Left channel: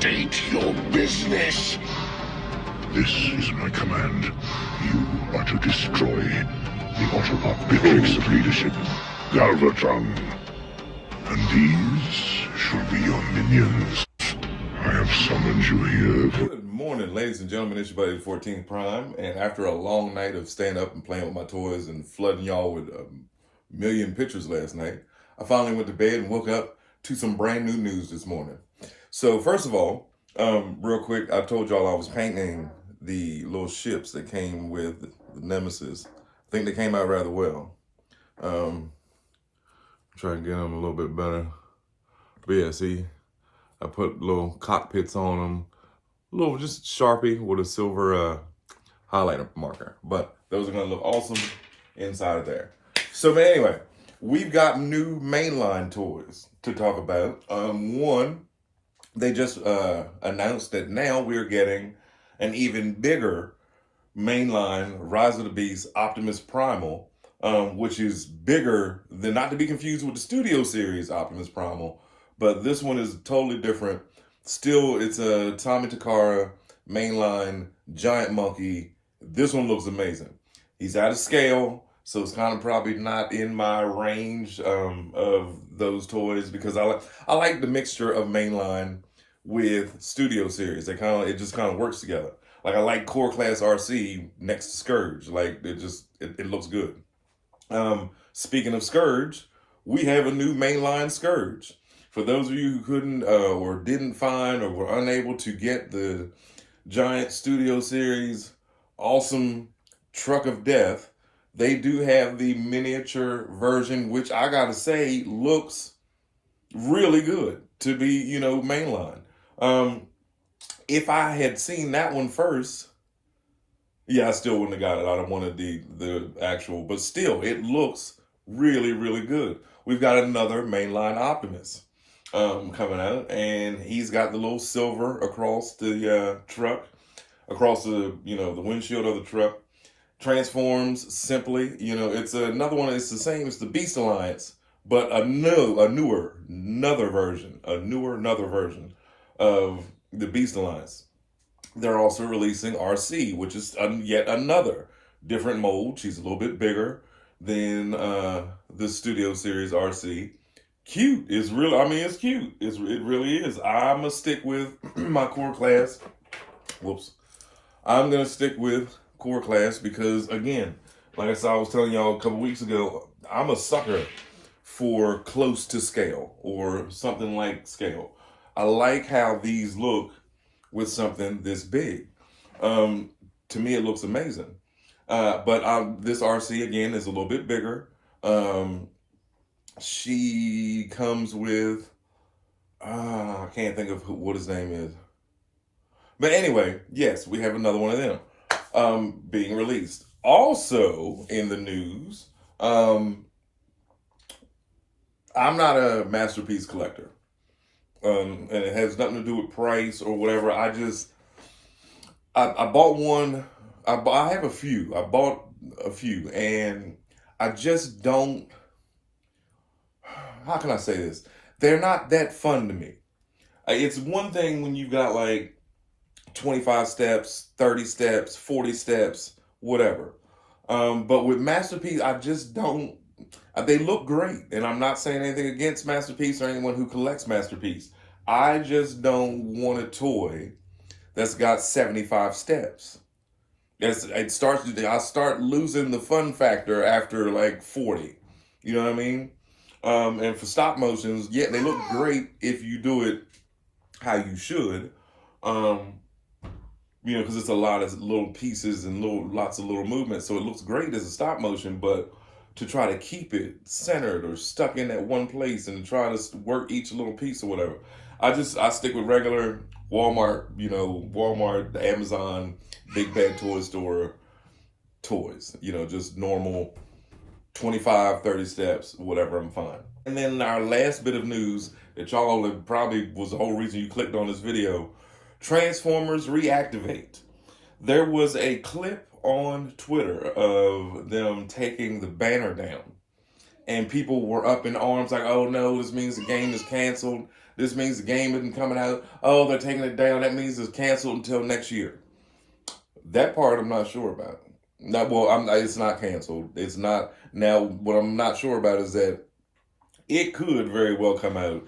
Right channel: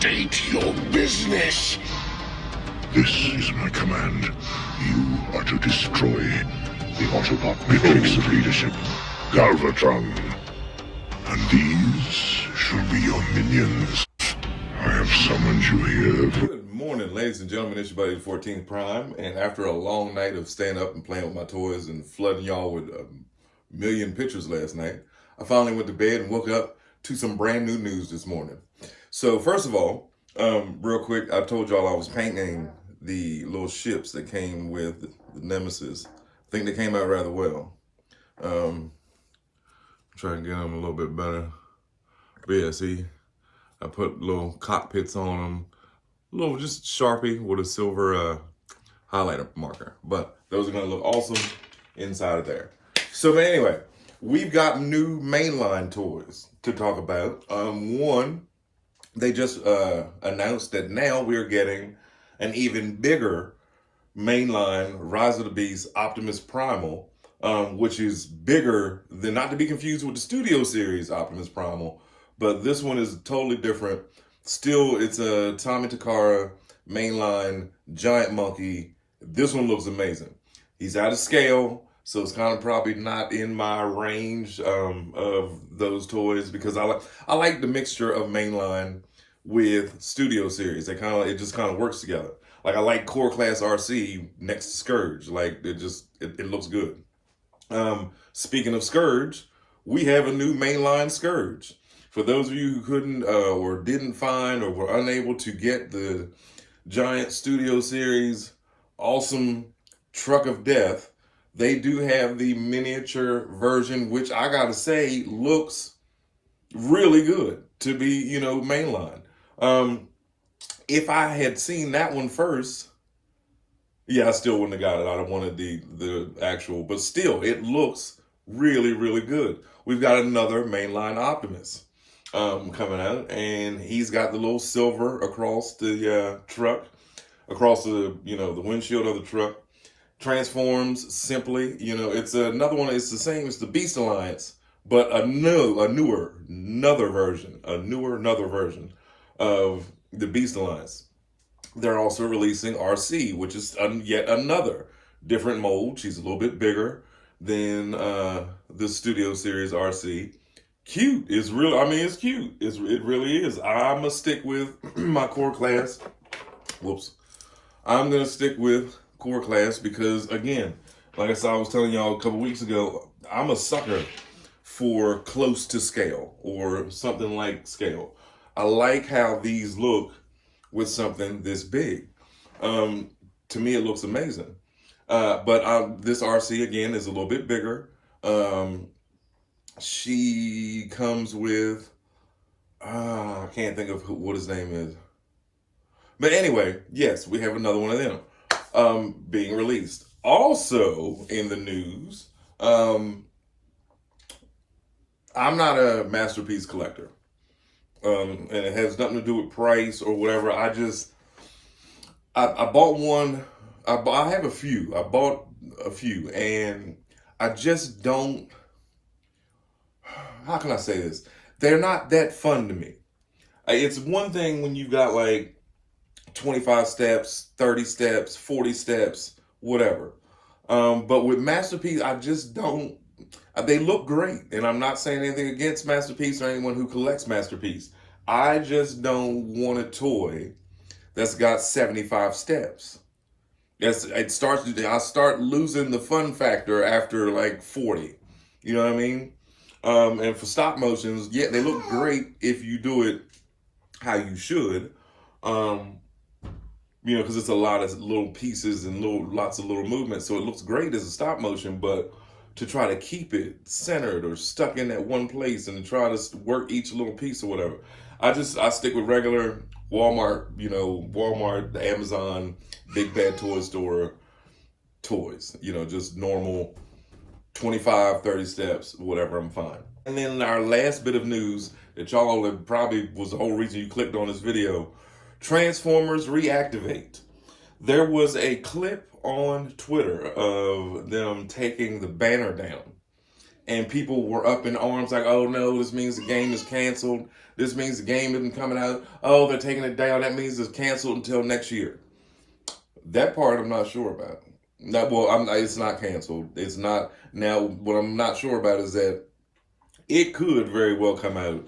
State your business. This is my command. You are to destroy the Autobot matrix of leadership, Galvatron. And these shall be your minions. I have summoned you here. Good morning, ladies and gentlemen. It's your buddy, 14th Prime. And after a long night of staying up and playing with my toys and flooding y'all with a million pictures last night, I finally went to bed and woke up to some brand new news this morning. So first of all, real quick, I told y'all I was painting the little ships that came with the Nemesis. I think they came out rather well. Try to get them a little bit better. But yeah, see, I put little cockpits on them. A little just Sharpie with a silver highlighter marker. But those are gonna look awesome inside of there. So but anyway, we've got new Mainline toys to talk about. One, they just announced that now we're getting an even bigger Mainline Rise of the Beast Optimus Primal, which is bigger than, not to be confused with the Studio Series Optimus Primal, but this one is totally different. Still, it's a Tommy Takara Mainline giant monkey. This one looks amazing. He's out of scale, so it's kind of probably not in my range of those toys, because I like the mixture of Mainline with Studio Series. It just kind of works together. Like, I like Core Class Arcee next to Scourge. Like, it looks good. Speaking of Scourge, we have a new Mainline Scourge. For those of you who couldn't or didn't find or were unable to get the giant Studio Series awesome truck of death, they do have the miniature version, which I gotta say looks really good to be, Mainline. If I had seen that one first, yeah, I still wouldn't have got it. I'd have wanted the actual, but still, it looks really, really good. We've got another Mainline Optimus coming out, and he's got the little silver across the truck, across the the windshield of the truck. Transforms simply. It's another one. It's the same as the Beast Alliance, but a newer version of the Beast Alliance. They're also releasing Arcee, which is yet another different mold. She's a little bit bigger than the Studio Series Arcee. Cute. It's really, it's cute. It really is. I'm going to stick with my core class. I'm going to stick with core class because, again, like I said, I was telling y'all a couple weeks ago, I'm a sucker for close to scale or something like scale. I like how these look with something this big. To me, it looks amazing. But this Arcee, again, is a little bit bigger. She comes with, I can't think of what his name is. But anyway, yes, we have another one of them being released. Also in the news, I'm not a masterpiece collector. And it has nothing to do with price or whatever. I bought one. I have a few. I bought a few, and I just don't. How can I say this? They're not that fun to me. It's one thing when you've got like 25 steps, 30 steps, 40 steps, whatever. But with Masterpiece, I just don't. They look great, and I'm not saying anything against Masterpiece or anyone who collects Masterpiece. I just don't want a toy that's got 75 steps. I start losing the fun factor after like 40. You know what I mean? And for stop motions, yeah, they look great if you do it how you should. Because it's a lot of little pieces and lots of little movements, so it looks great as a stop motion, but to try to keep it centered or stuck in that one place and to try to work each little piece or whatever. I stick with regular Walmart, Walmart, the Amazon, Big Bad Toy Store toys, just normal 25, 30 steps, whatever, I'm fine. And then our last bit of news that y'all probably was the whole reason you clicked on this video, Transformers Reactivate. There was a clip on Twitter of them taking the banner down, and people were up in arms like, oh no, this means the game is canceled. This means the game isn't coming out. Oh, they're taking it down. That means it's canceled until next year. That part I'm not sure about. It's not canceled. It's not. Now, what I'm not sure about is that it could very well come out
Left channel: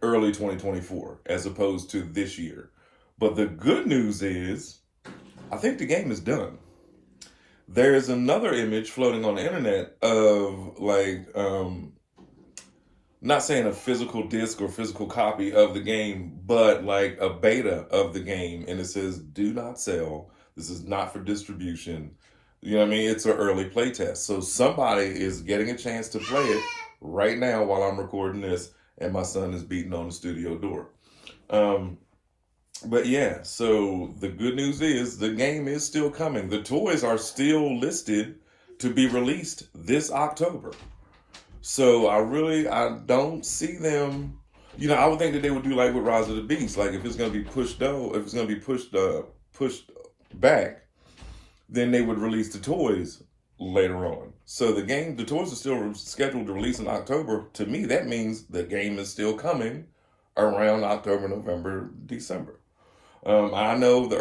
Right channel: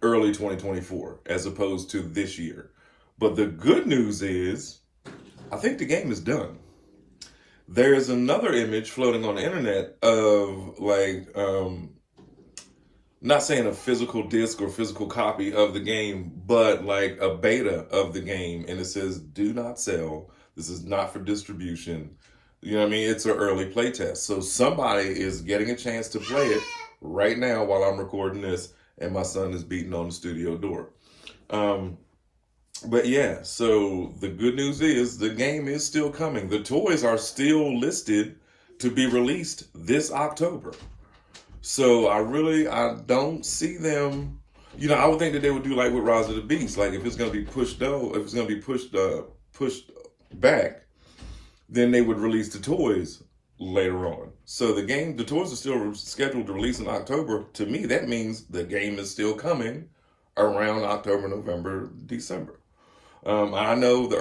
early 2024 as opposed to this year. But the good news is, I think the game is done. There's another image floating on the internet of not saying a physical disc or physical copy of the game, but like a beta of the game. And it says, do not sell. This is not for distribution. You know what I mean? It's an early play test. So somebody is getting a chance to play it right now while I'm recording this, and my son is beating on the studio door. But yeah, so the good news is the game is still coming. The toys are still listed to be released this October. So I don't see them. You know, I would think that they would do like with Rise of the Beast. Like if it's going to be pushed back, then they would release the toys later on. So the toys are still scheduled to release in October. To me, that means the game is still coming around October, November, December. I know the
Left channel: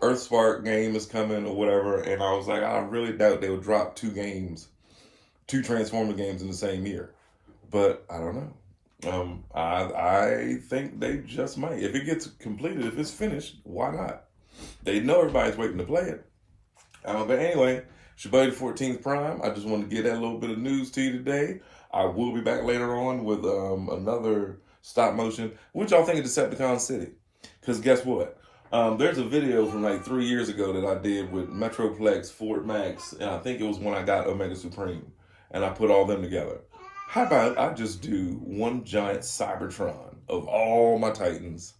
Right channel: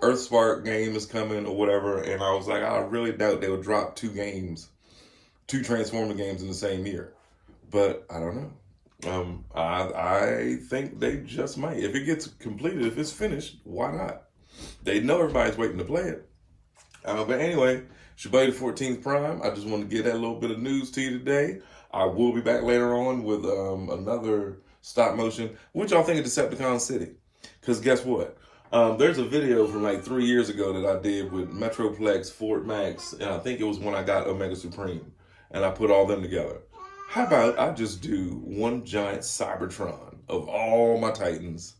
Earthspark game is coming or whatever, and I was like, I really doubt they would drop two Transformer games in the same year. But I don't know. I think they just might. If it gets completed, if it's finished, why not? They know everybody's waiting to play it. But anyway, it's your buddy the 14th Prime. I just want to get that little bit of news to you today. I will be back later on with another stop motion. What y'all think of Decepticon City? Because guess what? There's a video from like 3 years ago that I did with Metroplex, Fort Max, and I think it was when I got Omega Supreme. And I put all them together. How about I just do one giant Cybertron of all my Titans?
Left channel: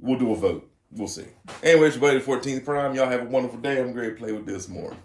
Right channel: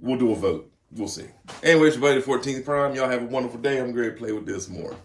We'll do a vote. We'll see. Anyway, it's your buddy the 14th Prime. Y'all have a wonderful day. I'm going to play with this more.